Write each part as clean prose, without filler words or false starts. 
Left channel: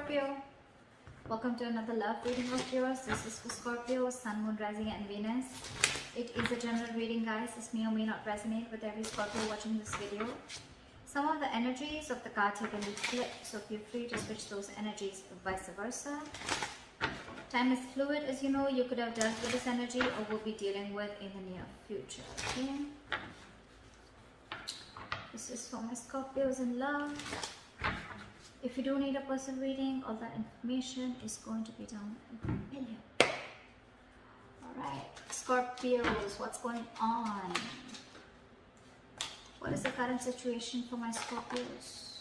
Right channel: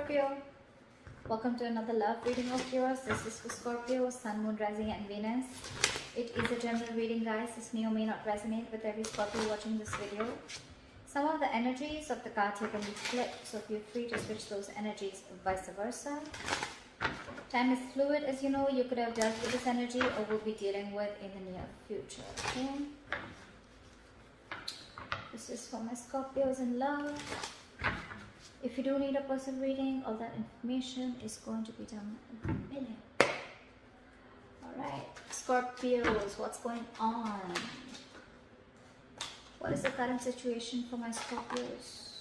Scorpio. Welcome to another love reading of yours. This is for Scorpio, Sun, Moon, Rising and Venus. It is a general reading, guys. This may or may not resonate with every Scorpio watching this video. Some of the energies of the cards here can be flipped, so feel free to switch those energies vice versa. Time is fluid, as you know. You could have dealt with this energy or will be dealing with in the near future. Okay? This is for my Scorpios in love. If you do need a personal reading, all that information is going to be down in here. Alright, Scorpios, what's going on? What is the current situation for my Scorpios?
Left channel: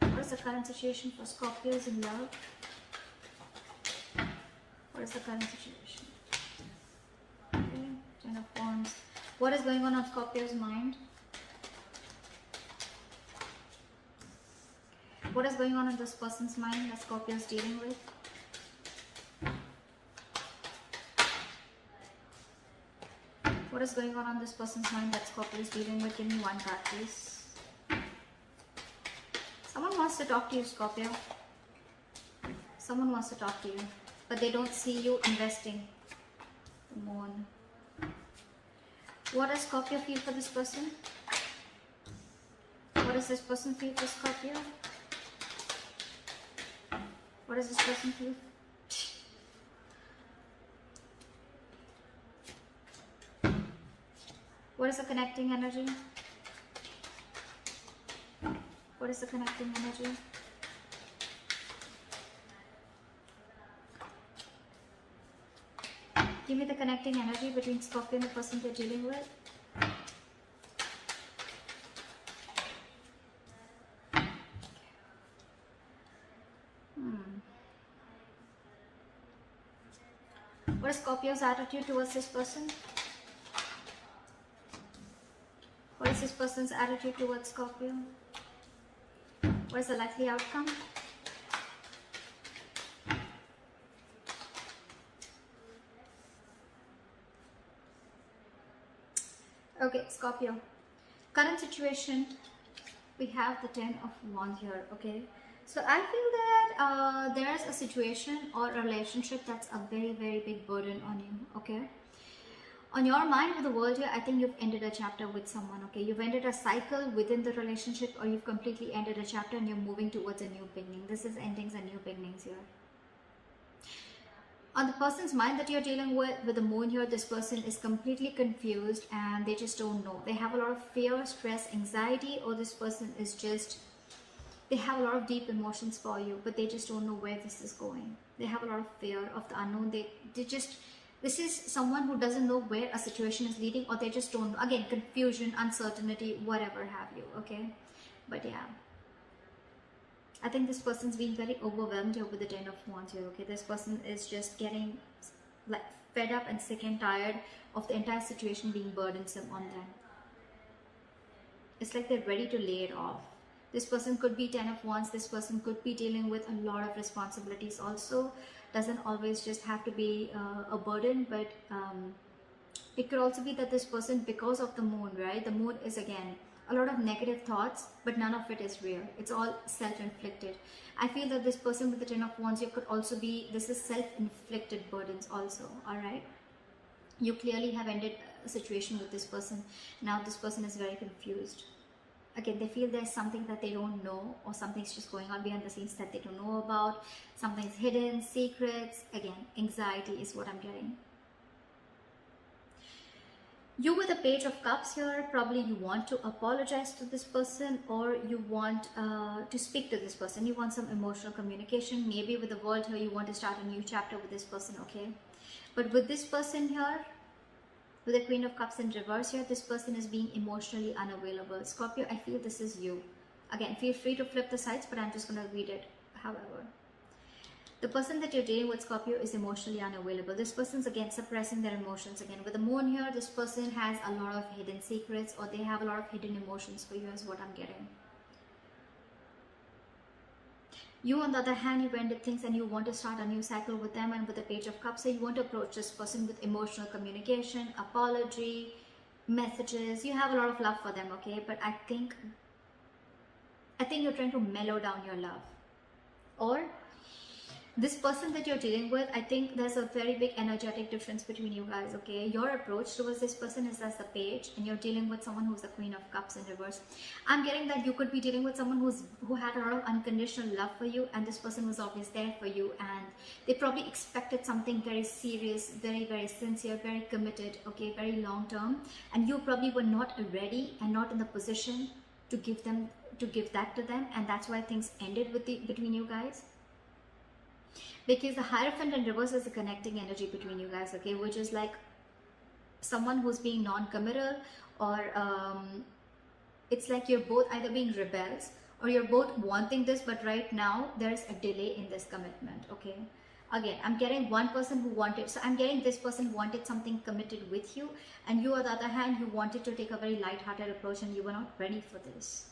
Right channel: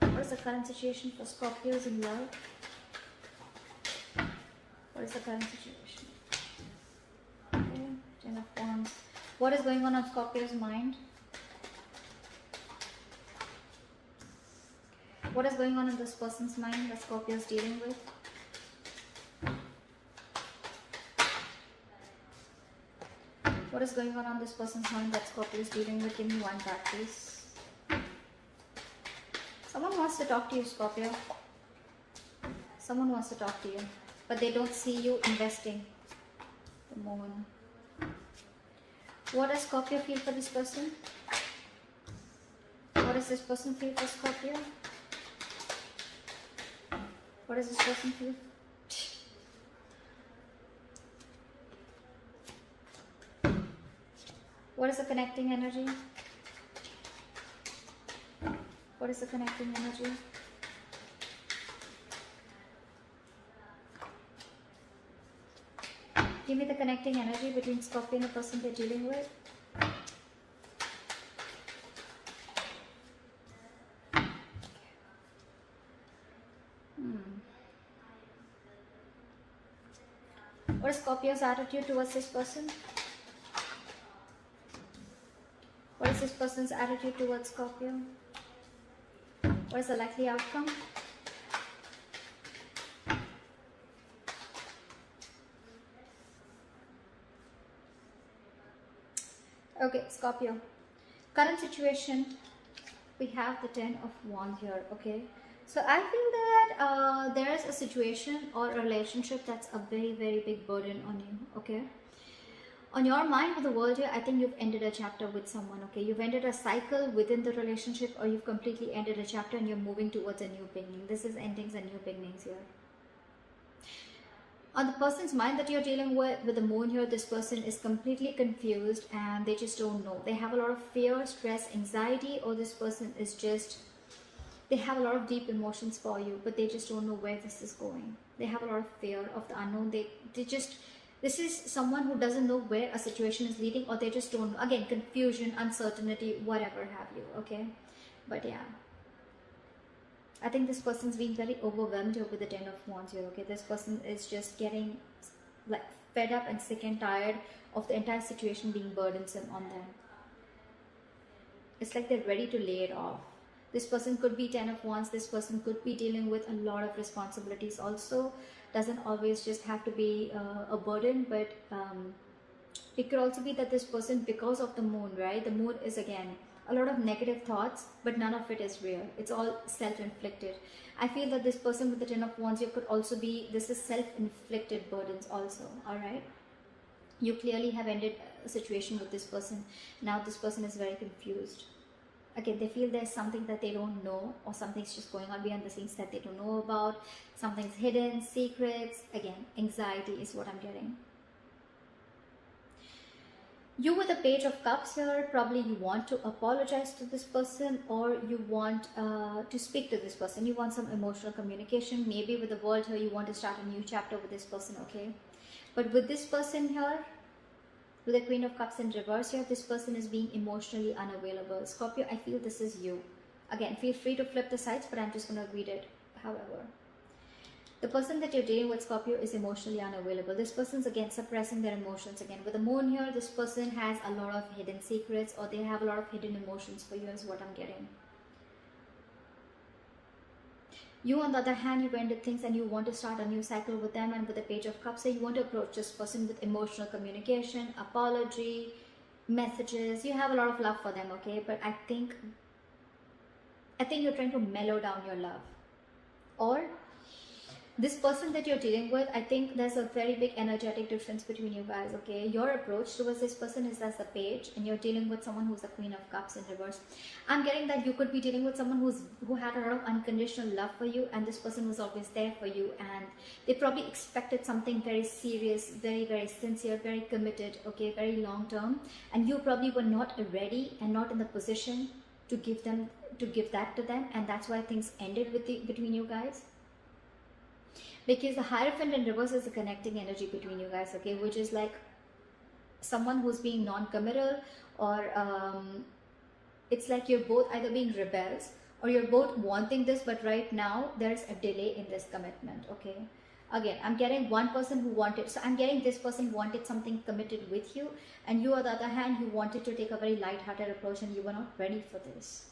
What is the current situation for Scorpios in love? What is the current situation? Okay, Ten of Wands. What is going on Scorpio's mind? What is going on in this person's mind that Scorpio is dealing with? What is going on this person's mind that Scorpio is dealing with? Give me one card, please. Someone wants to talk to you, Scorpio. Someone wants to talk to you, but they don't see you investing. The Moon. What does Scorpio feel for this person? What does this person feel for Scorpio? What does this person feel? What is the connecting energy? What is the connecting energy? Give me the connecting energy between Scorpio and the person they're dealing with. What is Scorpio's attitude towards this person? What is this person's attitude towards Scorpio? What is the likely outcome? Okay, Scorpio. Current situation, we have the Ten of Wands here, okay? So I feel that there's a situation or a relationship that's a very, very big burden on you, okay? On your mind with the world here, I think you've ended a chapter with someone, okay? You've ended a cycle within the relationship, or you've completely ended a chapter and you're moving towards a new beginning. This is endings and new beginnings here. On the person's mind that you're dealing with the Moon here, this person is completely confused and they just don't know. They have a lot of fear, stress, anxiety, or this person is just... they have a lot of deep emotions for you, but they just don't know where this is going. They have a lot of fear of the unknown. This is someone who doesn't know where a situation is leading, or they just don't know. Again, confusion, uncertainty, whatever have you, okay? But yeah, I think this person's being very overwhelmed with the Ten of Wands here, okay? This person is just getting like fed up and sick and tired of the entire situation being burdensome on them. It's like they're ready to lay it off. This person could be Ten of Wands. This person could be dealing with a lot of responsibilities also. Doesn't always just have to be a burden, but it could also be that this person, because of the Moon, right? The Moon is, again, a lot of negative thoughts, but none of it is real. It's all self-inflicted. I feel that this person with the Ten of Wands here could also be, this is self-inflicted burdens also, alright? You clearly have ended a situation with this person. Now this person is very confused. Again, they feel there's something that they don't know, or something's just going on behind the scenes that they don't know about. Something's hidden, secrets. Again, anxiety is what I'm getting. You with the Page of Cups here, probably you want to apologize to this person, or you want to speak to this person. You want some emotional communication. Maybe with the World here, you want to start a new chapter with this person, okay? But with this person here, with the Queen of Cups in reverse here, this person is being emotionally unavailable. Scorpio, I feel this is you. Again, feel free to flip the sides, but I'm just going to read it. However, the person that you're dealing with, Scorpio, is emotionally unavailable. This person's, again, suppressing their emotions. Again, with the Moon here, this person has a lot of hidden secrets, or they have a lot of hidden emotions for you, is what I'm getting. You, on the other hand, you've ended things and you want to start a new cycle with them, and with the Page of Cups, so you want to approach this person with emotional communication, apology, messages. You have a lot of love for them, okay? But I think you're trying to mellow down your love. or this person that you're dealing with, I think there's a very big energetic difference between you guys, okay? Your approach towards this person is as the page, and you're dealing with someone who's the Queen of Cups in reverse. I'm getting that you could be dealing with someone who had a lot of unconditional love for you, and this person was always there for you, and they probably expected something very serious, very, very sincere, very committed, okay, very long term, and you probably were not ready and not in the position to give that to them, and that's why things ended between you guys. Because the Hierophant in reverse is the connecting energy between you guys, okay, which is like someone who's being non-committal, or it's like you're both either being rebels or you're both wanting this, but right now there's a delay in this commitment, okay? Again, I'm getting one person who wanted, so I'm getting this person wanted something committed with you, and you on the other hand, you wanted to take a very light-hearted approach and you were not ready for this.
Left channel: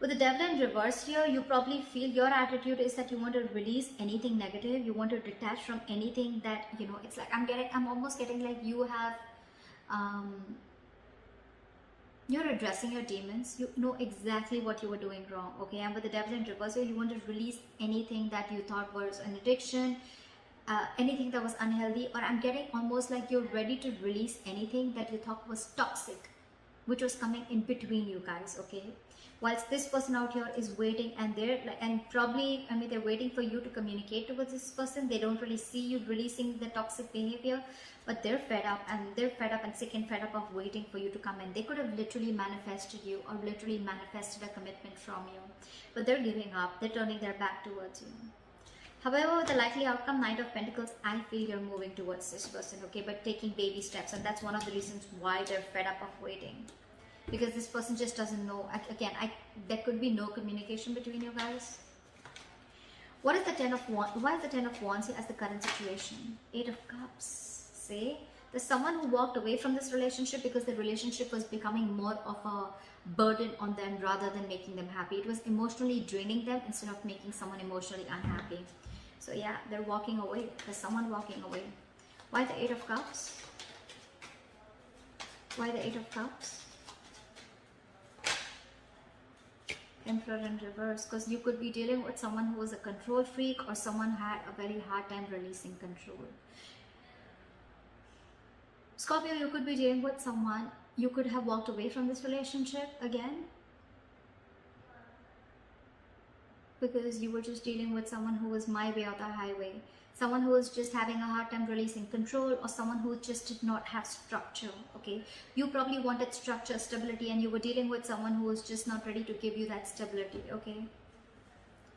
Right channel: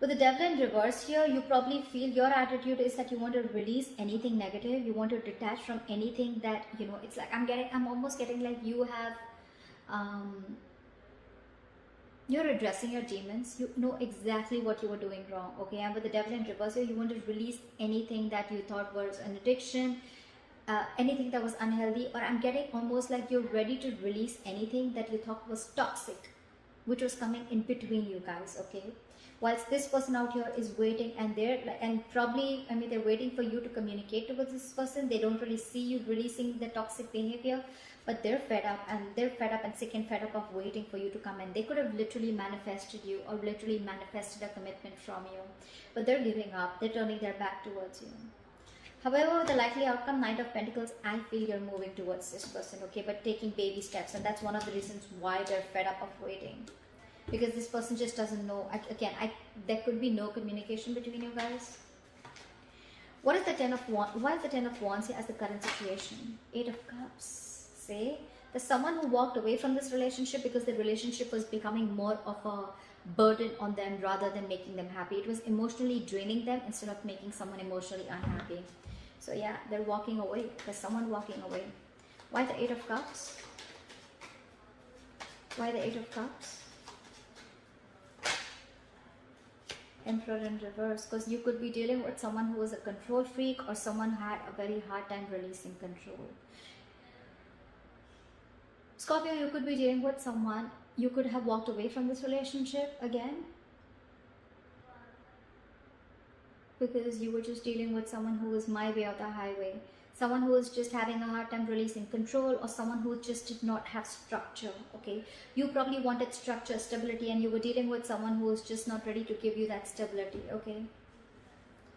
With the Devil in reverse here, you probably feel your attitude is that you want to release anything negative. You want to detach from anything that, you know, it's like I'm almost getting like you have, you're addressing your demons. You know exactly what you were doing wrong, okay? And with the Devil in reverse here, you want to release anything that you thought was an addiction, anything that was unhealthy, or I'm getting almost like you're ready to release anything that you thought was toxic, which was coming in between you guys, okay? Whilst this person out here is waiting, and probably, I mean, they're waiting for you to communicate with this person. They don't really see you releasing the toxic behavior, but they're fed up and sick and fed up of waiting for you to come in. They could have literally manifested you or literally manifested a commitment from you, but they're giving up. They're turning their back towards you. However, with the likely outcome, Knight of Pentacles, I feel you're moving towards this person, okay, but taking baby steps, and that's one of the reasons why they're fed up of waiting. Because this person just doesn't know. Again, there could be no communication between you guys. What is the Ten of Wands? Why is the Ten of Wands here as the current situation? Eight of Cups. Say, there's someone who walked away from this relationship because the relationship was becoming more of a burden on them rather than making them happy. It was emotionally draining them instead of making someone emotionally unhappy. So yeah, they're walking away. There's someone walking away. Why the Eight of Cups? Why the Eight of Cups? Emperor in reverse, because you could be dealing with someone who was a control freak or someone who had a very hard time releasing control. Scorpio, you could be dealing with someone, you could have walked away from this relationship again, because you were just dealing with someone who was my way or the highway. Someone who was just having a hard time releasing control, or someone who just did not have structure, okay? You probably wanted structure, stability, and you were dealing with someone who was just not ready to give you that stability, okay?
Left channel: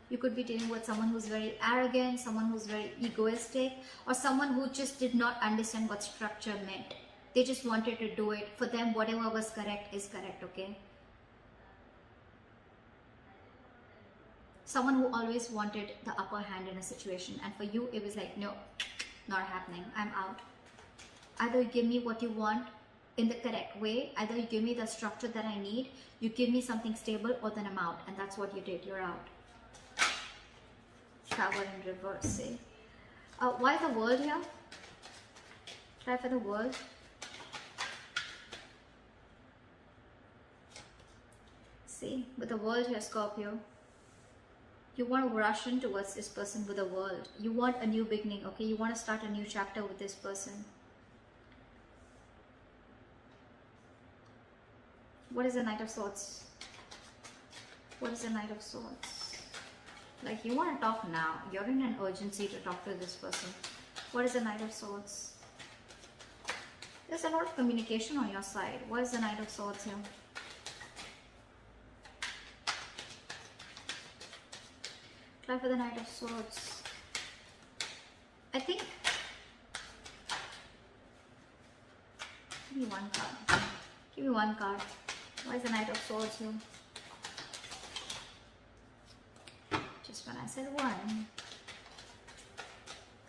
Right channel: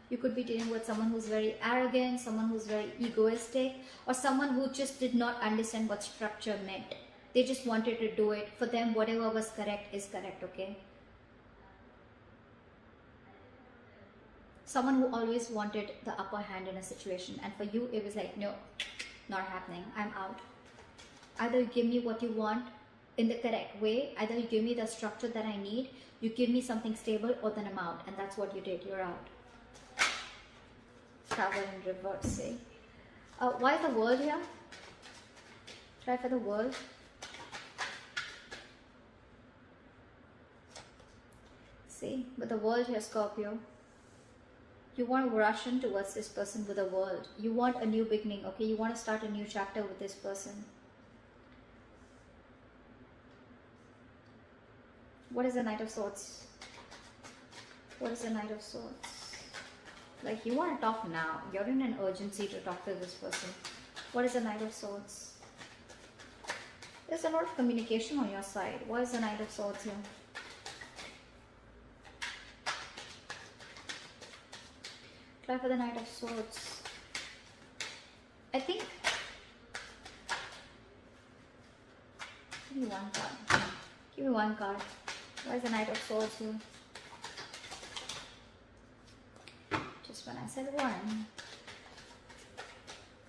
You could be dealing with someone who's very arrogant, someone who's very egoistic, or someone who just did not understand what structure meant. They just wanted to do it. For them, whatever was correct is correct, okay? Someone who always wanted the upper hand in a situation, and for you it was like, no, not happening, I'm out. Either you give me what you want in the correct way, either you give me the structure that I need, you give me something stable, or then I'm out. And that's what you did, you're out. Travel in reverse, see? Why the World here? Try for the World. See, with the World here, Scorpio, you want to rush in towards this person with the World. You want a new beginning, okay? You want to start a new chapter with this person. What is the Knight of Swords? What is the Knight of Swords? Like, you want to talk now. You're in an urgency to talk to this person. What is the Knight of Swords? There's a lot of communication on your side. What is the Knight of Swords here? Try for the Knight of Swords. I think, give me one card. Give me one card. Why is the Knight of Swords here? Just when I said one.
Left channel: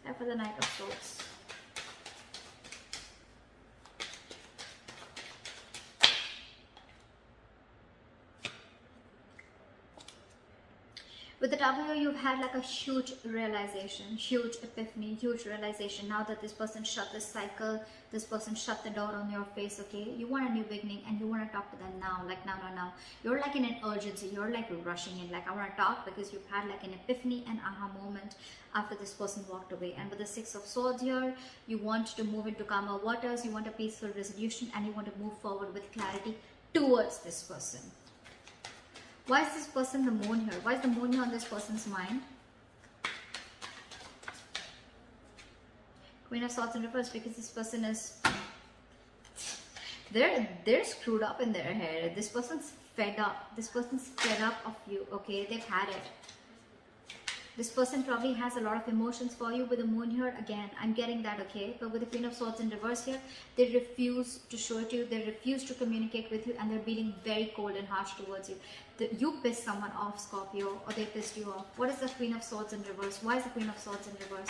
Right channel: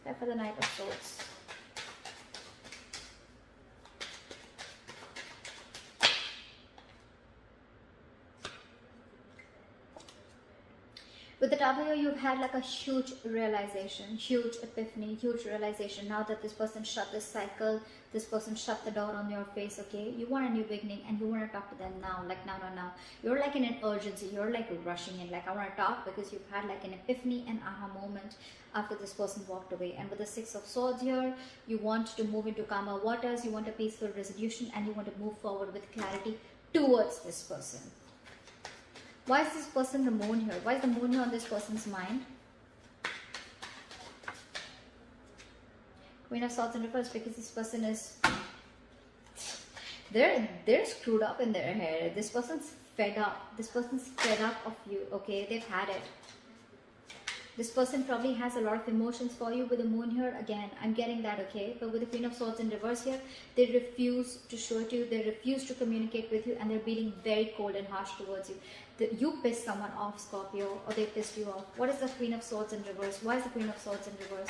Try for the Knight of Swords. With the Tower here, you've had like a huge realization, huge epiphany, huge realization. Now that this person shut this cycle, this person shut the door on your face, okay? You want a new beginning and you want to talk to them now, like now. You're like in an urgency, you're like rushing in, like I want to talk because you've had like an epiphany and aha moment after this person walked away. And with the Six of Swords here, you want to move into calmer waters, you want a peaceful resolution, and you want to move forward with clarity towards this person. Why is this person the Moon here? Why is the Moon here on this person's mind? Queen of Swords in reverse, because this person is... They're screwed up in their head. This person's fed up. This person's fed up of you, okay? They've had it. This person probably has a lot of emotions for you. With the Moon here, again, I'm getting that, okay? But with the Queen of Swords in reverse here, they refuse to show it to you. They refuse to communicate with you, and they're being very cold and harsh towards you. You pissed someone off, Scorpio, or they pissed you off. What is the Queen of Swords in reverse? Why is the Queen of Swords in reverse?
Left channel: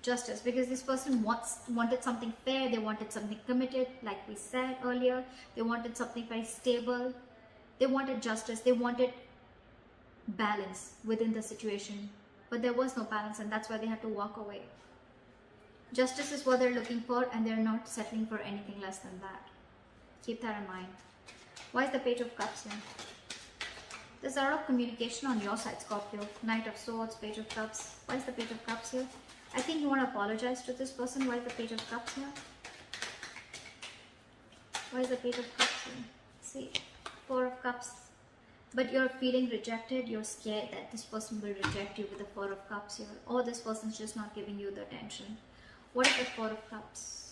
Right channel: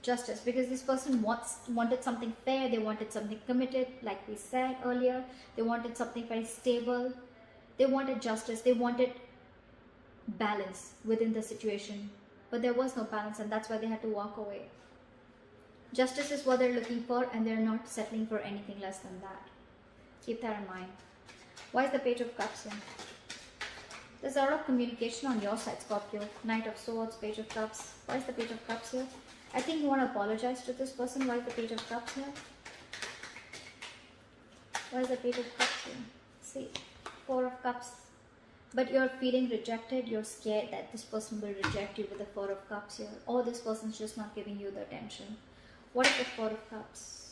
Justice, because this person wanted something fair. They wanted something committed, like we said earlier. They wanted something very stable. They wanted justice. They wanted balance within the situation, but there was no balance, and that's why they had to walk away. Justice is what they're looking for, and they're not settling for anything less than that. Keep that in mind. Why is the Page of Cups here? There's a lot of communication on your side, Scorpio. Knight of Swords, Page of Cups. Why is the Page of Cups here? I think you want to apologize to this person. Why is the Page of Cups here? What is the Page of Cups here? See, Four of Cups. But you're feeling rejected. You're scared that this person will reject you with the Four of Cups here. Or this person's just not giving you the attention. What is the Four of Cups?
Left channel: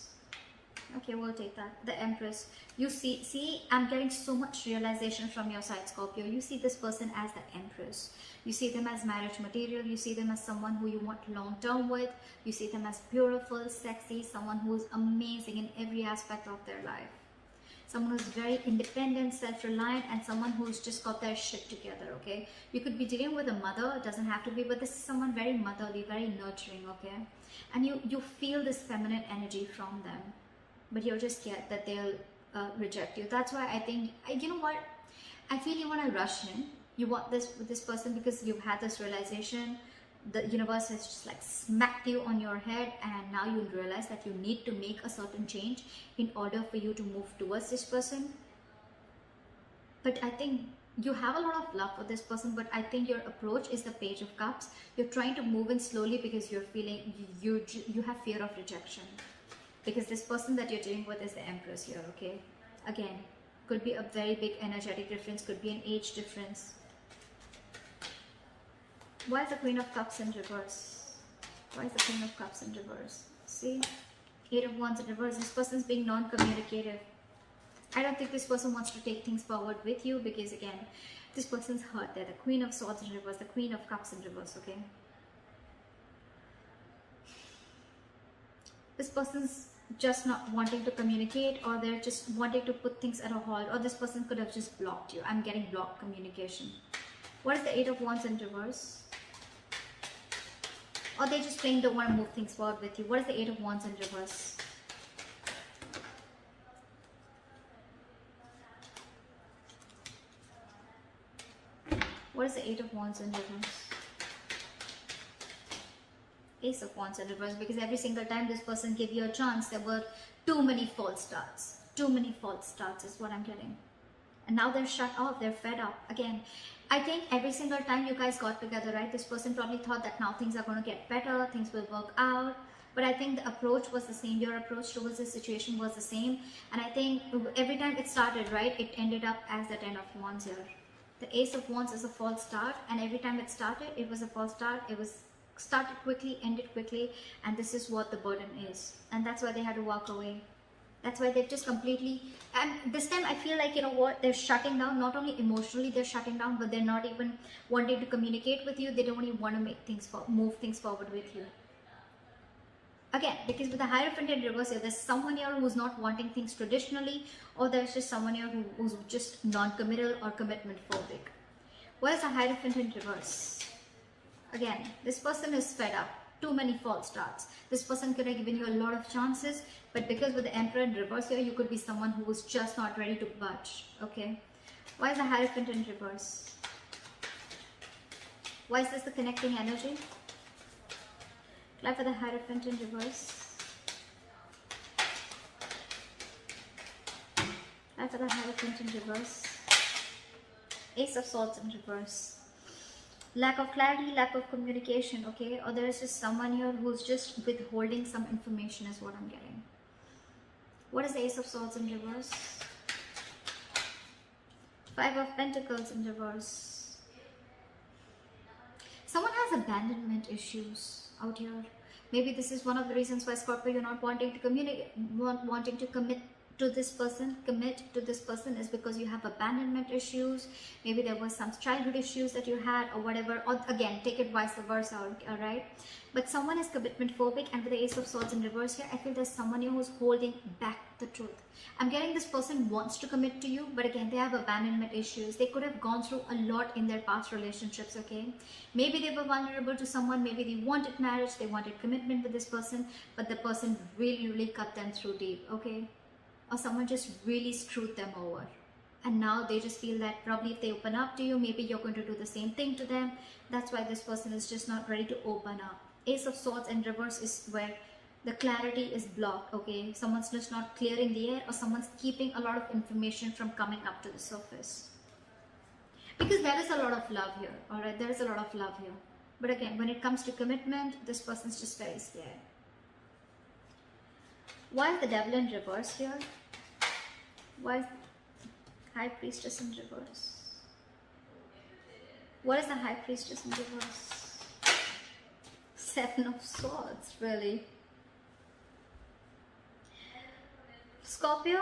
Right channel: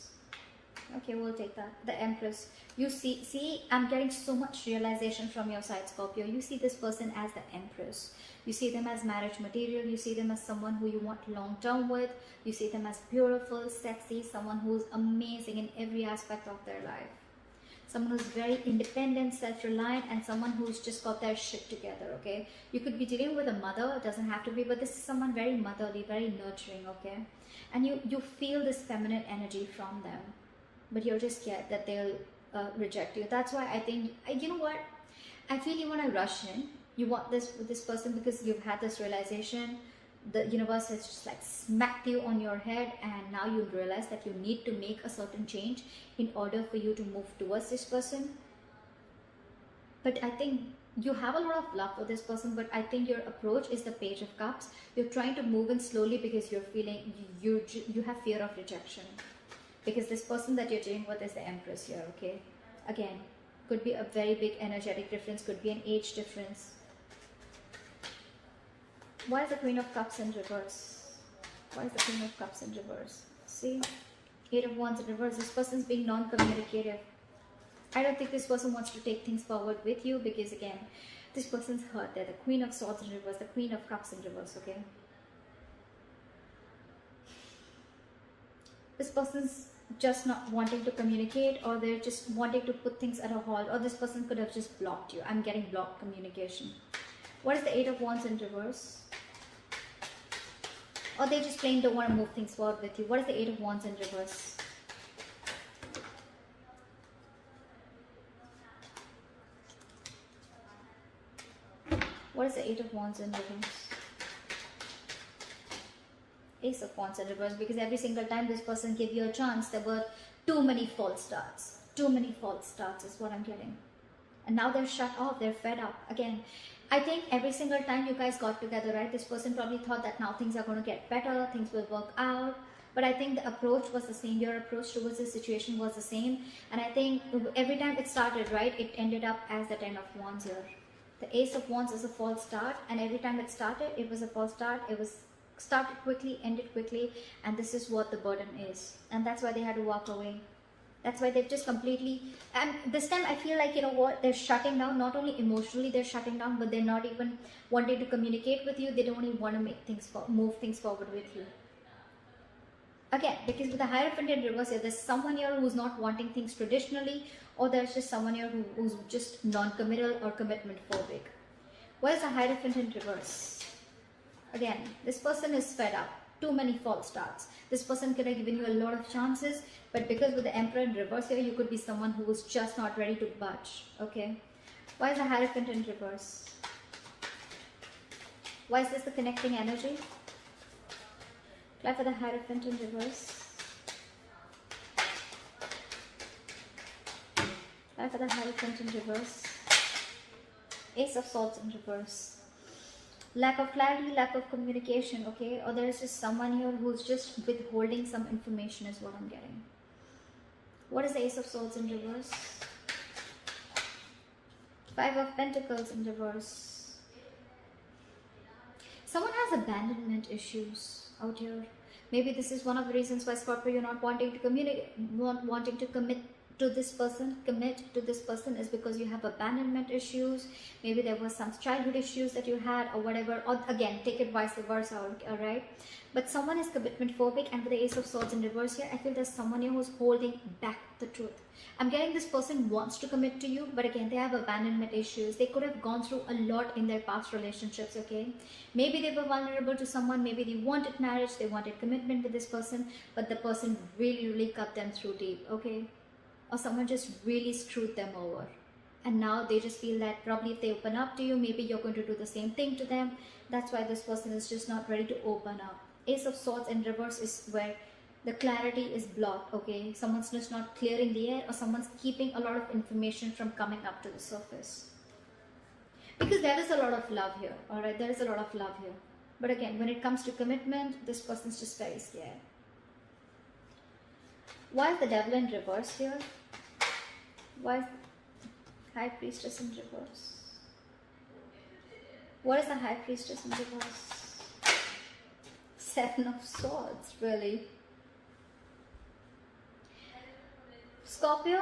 Okay, we'll take that. The Empress. You see, I'm getting so much realization from your side, Scorpio. You see this person as the Empress. You see them as marriage material. You see them as someone who you want long term with. You see them as beautiful, sexy, someone who's amazing in every aspect of their life. Someone who's very independent, self-reliant, and someone who's just got their shit together, okay? You could be dealing with a mother, it doesn't have to be, but this is someone very motherly, very nurturing, okay? And you feel this feminine energy from them, but you're just scared that they'll reject you. That's why I think, you know what? I feel you want to rush in. You want this with this person because you've had this realization. The universe has just like smacked you on your head, and now you realize that you need to make a certain change in order for you to move towards this person. But I think you have a lot of love for this person, but I think your approach is the Page of Cups. You're trying to move it slowly because you're feeling you have fear of rejection, because this person that you're dealing with is the Empress here, okay? Again, could be a very big energetic difference, could be an age difference. Why is the Queen of Cups in reverse? Why is the Queen of Cups in reverse? See? Eight of Wands in reverse. This person's being non-communicative. I don't think this person wants to take things forward with you because, again, this person's hurt. They're the Queen of Swords in reverse, the Queen of Cups in reverse, okay? This person's just not wanting to communicate, or they're just wanting to put things at a halt, or this person could have just blocked you. I'm getting blocked communication. What is the Eight of Wands in reverse? Or they just plain don't want to move things forward with you. What is the Eight of Wands in reverse? What is the Eight of Wands in reverse? Ace of Wands in reverse, because every single time this person gave you a chance, there were too many false starts. Too many false starts is what I'm getting. And now they're shut off, they're fed up. Again, I think every single time you guys got together, right, this person probably thought that now things are going to get better, things will work out. But I think the approach was the same. Your approach towards the situation was the same. And I think every time it started, right, it ended up as the Ten of Wands here. The Ace of Wands is a false start. And every time it started, it was a false start. It was started quickly, ended quickly. And this is what the burden is. And that's why they had to walk away. That's why they've just completely, and this time I feel like, you know what, they're shutting down. Not only emotionally they're shutting down, but they're not even wanting to communicate with you. They don't even want to make things, move things forward with you. Again, because with the Hierophant in reverse here, there's someone here who's not wanting things traditionally, or there's just someone here who's just non-committal or commitment phobic. What is the Hierophant in reverse? Again, this person is fed up. Too many false starts. This person could have given you a lot of chances, but because with the Emperor in reverse here, you could be someone who was just not ready to budge, okay? Why is the Hierophant in reverse? Why is this the connecting energy? Life for the Hierophant in reverse. Life for the Hierophant in reverse. Ace of Swords in reverse. Lack of clarity, lack of communication, okay? Or there's just someone here who's just withholding some information is what I'm getting. What is the Ace of Swords in reverse? Five of Pentacles in reverse. Someone has abandonment issues out here. Maybe this is one of the reasons why, Scorpio, you're not wanting to communicate, wanting to commit to this person, is because you have abandonment issues. Maybe there was some childhood issues that you had or whatever. Or again, take it vice versa, alright? But someone is commitment phobic, and with the Ace of Swords in reverse here, I feel there's someone here who's holding back the truth. I'm getting this person wants to commit to you, but again, they have abandonment issues. They could have gone through a lot in their past relationships, okay? Maybe they were vulnerable to someone, maybe they wanted marriage, they wanted commitment with this person, but the person really cut them through deep, okay? Or someone just really screwed them over. And now they just feel that probably if they open up to you, maybe you're going to do the same thing to them. That's why this person is just not ready to open up. Ace of Swords in reverse is where the clarity is blocked, okay? Someone's just not clear in the air, or someone's keeping a lot of information from coming up to the surface. Because there is a lot of love here, alright? There is a lot of love here. But again, when it comes to commitment, this person's just very scared. Why is the Devil in reverse here? Why is High Priestess in reverse? What is the High Priestess in reverse? Seven of Swords, really. Scorpio,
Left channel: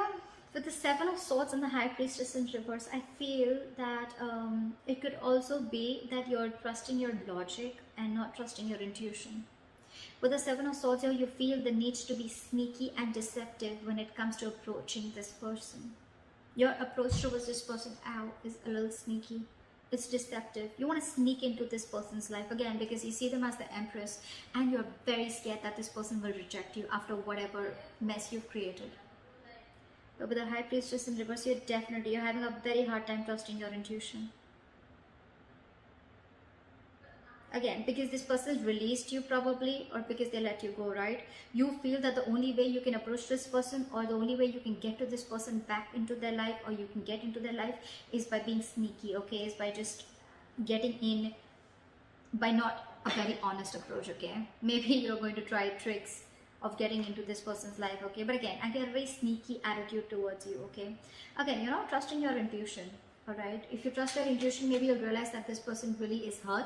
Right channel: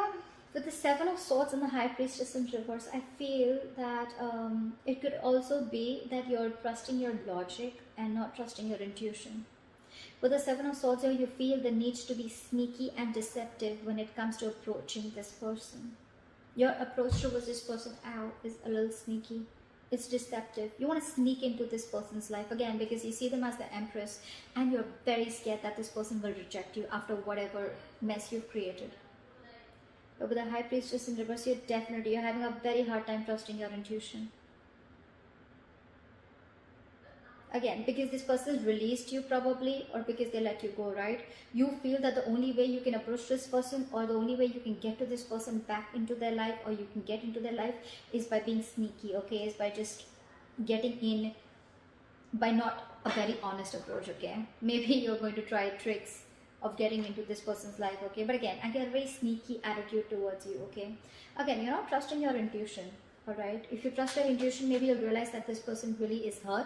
with the Seven of Swords and the High Priestess in reverse, I feel that it could also be that you're trusting your logic and not trusting your intuition. With the Seven of Swords here, you feel the need to be sneaky and deceptive when it comes to approaching this person. Your approach towards this person is a little sneaky. It's deceptive. You want to sneak into this person's life again because you see them as the Empress, and you're very scared that this person will reject you after whatever mess you've created. But with the High Priestess in reverse, you're having a very hard time trusting your intuition. Again, because this person released you probably, or because they let you go, right? You feel that the only way you can approach this person, or the only way you can get to this person back into their life, or you can get into their life, is by being sneaky, okay? Is by just getting in, by not a very honest approach, okay? Maybe you're going to try tricks of getting into this person's life, okay? But again, and they have a very sneaky attitude towards you, okay? Again, you're not trusting your intuition, alright? If you trust your intuition, maybe you'll realize that this person really is hurt.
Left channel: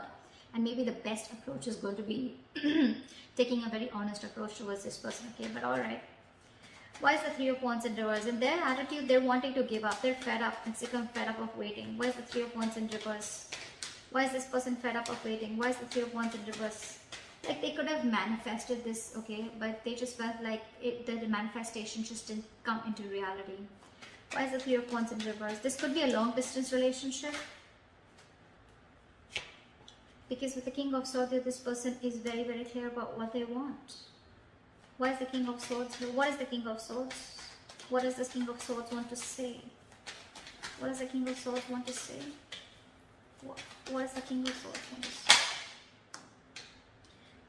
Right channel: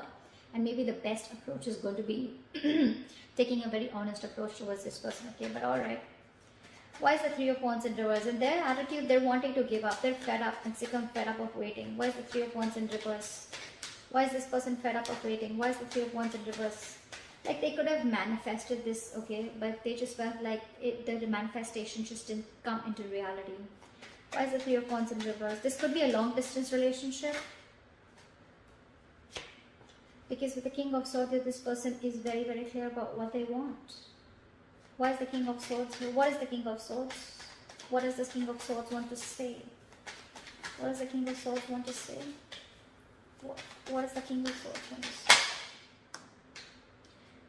And maybe the best approach is going to be taking a very honest approach towards this person, okay? But alright. Why is the Three of Wands in reverse? In their attitude, they're wanting to give up. They're fed up and sick of fed up of waiting. Why is the Three of Wands in reverse? Why is this person fed up of waiting? Why is the Three of Wands in reverse? Like, they could have manifested this, okay? But they just felt like the manifestation just didn't come into reality. Why is the Three of Wands in reverse? This could be a long distance relationship. Because with the King of Swords, this person is very clear about what they want. Why is the King of Swords? What is the King of Swords? What does the King of Swords want to say? What does the King of Swords want to say? What does the King of Swords want to say?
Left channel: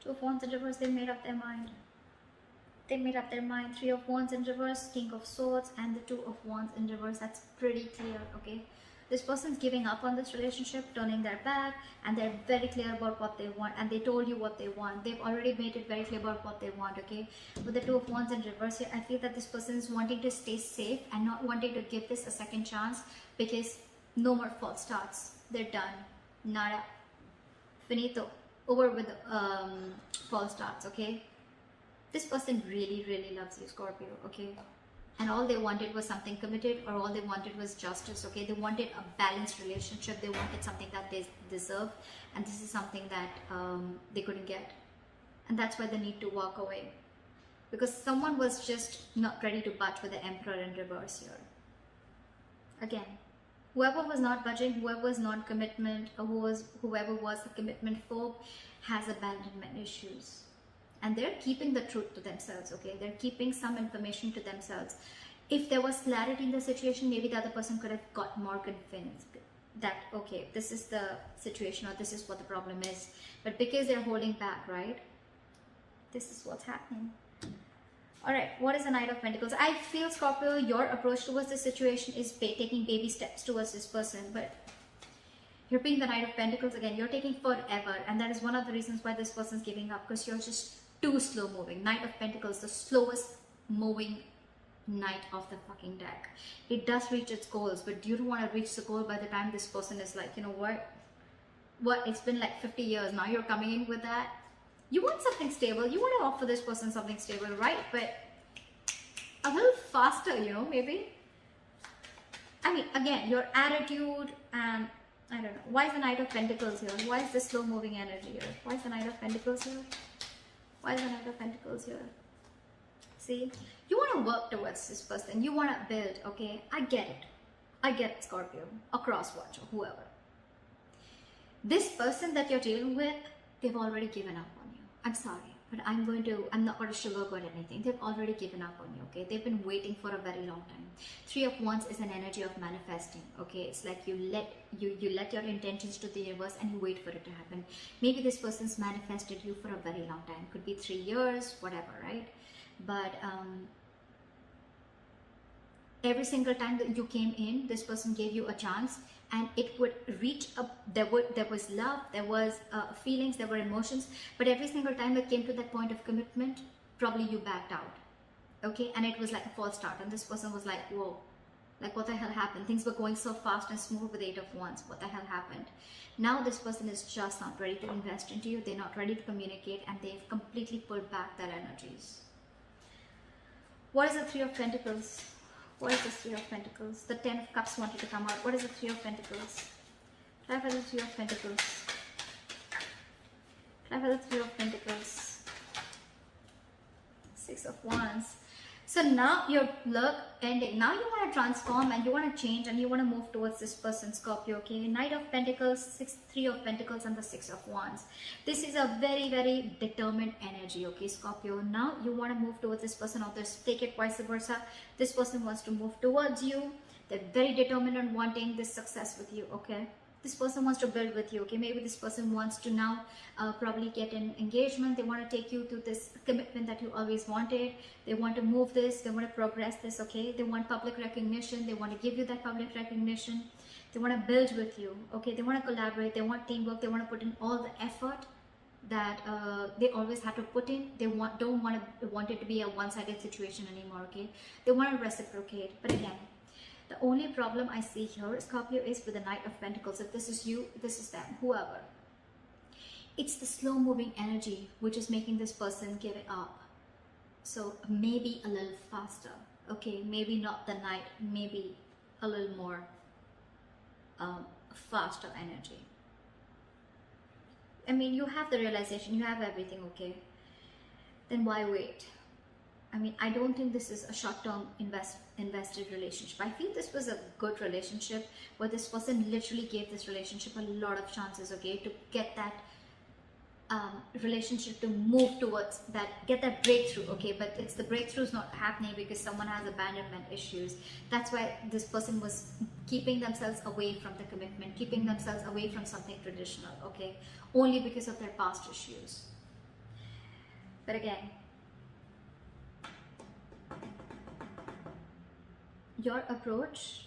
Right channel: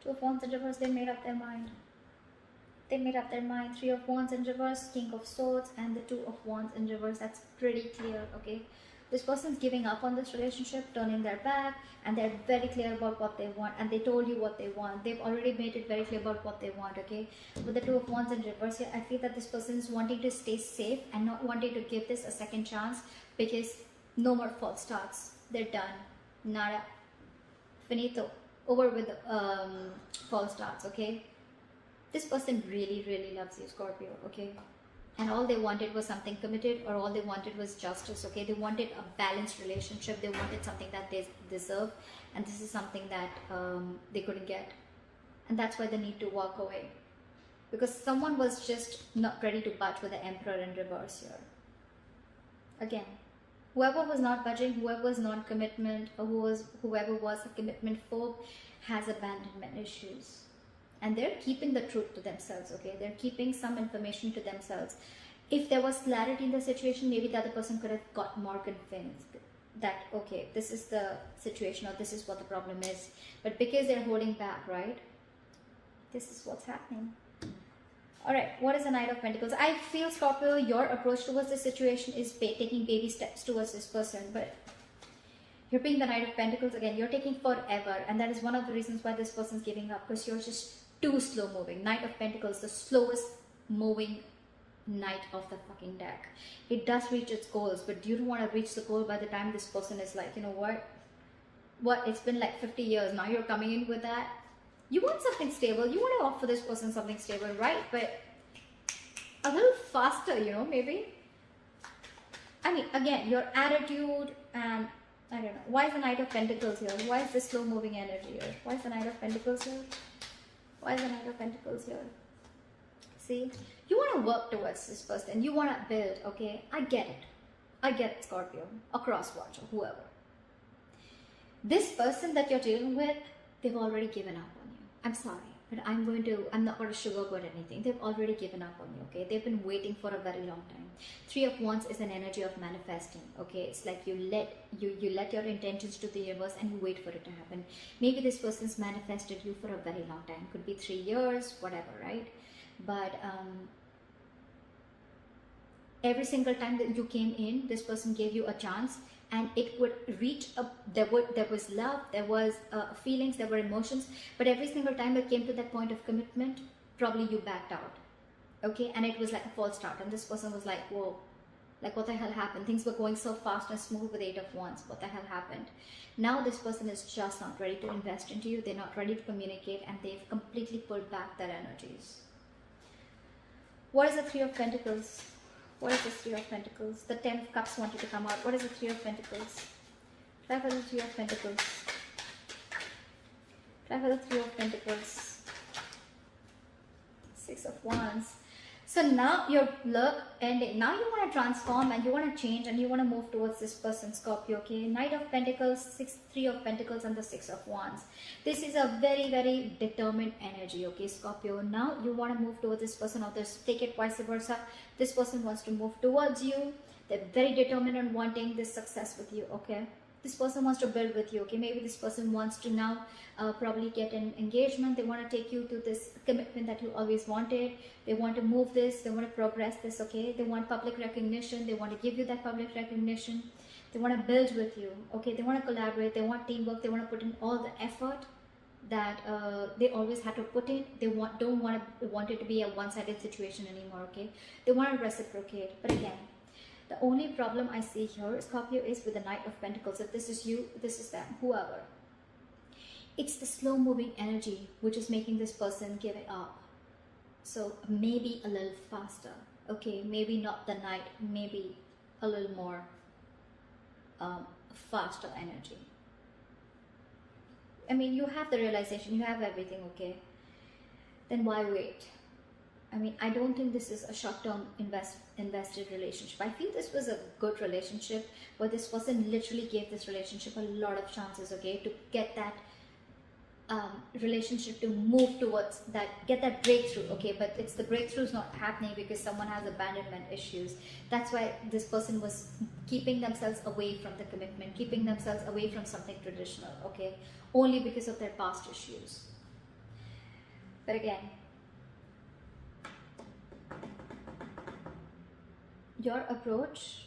Two of Wands in reverse, they made up their mind. They made up their mind. Three of Wands in reverse, King of Swords, and the Two of Wands in reverse. That's pretty clear, okay? This person's giving up on this relationship, turning their back, and they're very clear about what they want, and they told you what they want. They've already made it very clear about what they want, okay? With the Two of Wands in reverse here, I feel that this person is wanting to stay safe and not wanting to give this a second chance, because no more false starts. They're done. Nada. Finito. Over with false starts, okay? This person really loves you, Scorpio, okay? And all they wanted was something committed, or all they wanted was justice, okay? They wanted a balanced relationship. They wanted something that they deserve, and this is something that they couldn't get. And that's why they need to walk away. Because someone was just not ready to budge with the Emperor in reverse here. Again, whoever was not budging, whoever was non-commitment, or whoever was the commitment phobe has abandonment issues. And they're keeping the truth to themselves, okay? They're keeping some information to themselves. If there was clarity in the situation, maybe the other person could have got more convinced. that, okay, this is the situation or this is what the problem is. But because they're holding back, right? This is what's happening. Alright, what is the Knight of Pentacles? I feel, Scorpio, your approach towards this situation is taking baby steps towards this person. But you're being the Knight of Pentacles again. You're taking forever. And that is one of the reasons why this person's giving up. Because you're just too slow moving. Knight of Pentacles, the slowest moving knight of the fucking deck. It does reach its goals. But you don't want to reach the goal by the time this person is like, you know what? It's been like 50 years. Now you're coming in with that. You want something stable. You want to offer this person something stable, right? But a little faster, you know, maybe. I mean, again, your attitude, I don't know. Why is the Knight of Pentacles here? Why is the slow moving energy here? Why is the Knight of Pentacles here? Why is the Knight of Pentacles here? See, you want to work towards this person. You want to build, okay? I get it. I get it, Scorpio. A cross-watcher, whoever. This person that you're dealing with, they've already given up on you. I'm sorry, but I'm not going to sugarcoat anything. They've already given up on you, okay? They've been waiting for a very long time. 3 of Wands is an energy of manifesting, okay? It's like you let your intentions to the universe and you wait for it to happen. Maybe this person's manifested you for a very long time. Could be 3 years, whatever, right? But every single time that you came in, this person gave you a chance. And it would reach up, there was love, there was feelings, there were emotions, but every single time it came to that point of commitment, probably you backed out, okay? And it was like a false start, and this person was like, whoa, like what the hell happened? Things were going so fast and smooth with 8 of Wands, what the hell happened? Now this person is just not ready to invest into you, they're not ready to communicate, and they've completely pulled back their energies. What is the 3 of Pentacles? What is the 3 of Pentacles? The 10 of Cups wanted to come out. What is the 3 of Pentacles? Try for the 3 of Pentacles. Try for the 3 of Pentacles. 6 of Wands. So now your love ending. Now you want to transform and you want to change and you want to move towards this person, Scorpio, okay? Knight of Pentacles, 3 of Pentacles and the 6 of Wands. This is a very, very determined energy, okay, Scorpio? Now you want to move towards this person, or just take it vice versa. This person wants to move towards you. They're very determined on wanting this success with you, okay? This person wants to build with you, okay? Maybe this person wants to now probably get an engagement. They want to take you to this commitment that you always wanted. They want to move this. They want to progress this, okay? They want public recognition. They want to give you that public recognition. They want to build with you, okay? They want to collaborate. They want teamwork. They want to put in all the effort that they always had to put in. They don't want it to be a one-sided situation anymore, okay? They want to reciprocate. But again, the only problem I see here, Scorpio, is with the Knight of Pentacles. If this is you, this is them, whoever. It's the slow-moving energy which is making this person give it up. So maybe a little faster, okay? Maybe not the Knight, maybe a little more faster energy. I mean, you have the realization, you have everything, okay? Then why wait? I mean, I don't think this is a short-term invested relationship. I think this was a good relationship where this person literally gave this relationship a lot of chances, okay, to get that relationship to move towards that, get that breakthrough, okay? But it's the breakthrough is not happening because someone has abandonment issues. That's why this person was keeping themselves away from the commitment, keeping themselves away from something traditional, okay? Only because of their past issues. But again, your approach,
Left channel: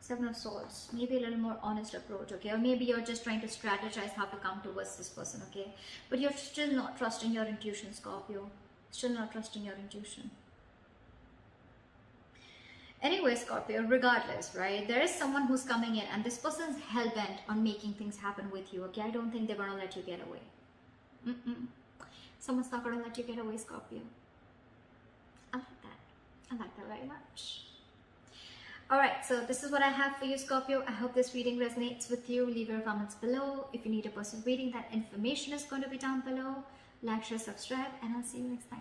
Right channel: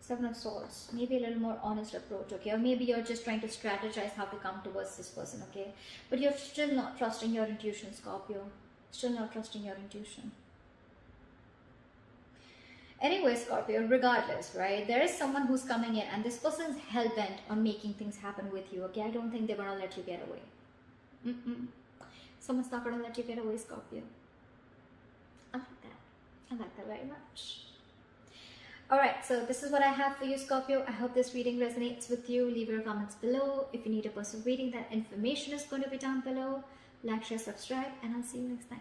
7 of Swords, maybe a little more honest approach, okay? Or maybe you're just trying to strategize how to come towards this person, okay? But you're still not trusting your intuition, Scorpio. Still not trusting your intuition. Anyway, Scorpio, regardless, right? There is someone who's coming in and this person's hell-bent on making things happen with you, okay? I don't think they're going to let you get away. Someone's not going to let you get away, Scorpio. I like that. I like that very much. Alright, so this is what I have for you, Scorpio. I hope this reading resonates with you. Leave your comments below. If you need a personal reading, that information is going to be down below. Like, share, subscribe, and I'll see you next time.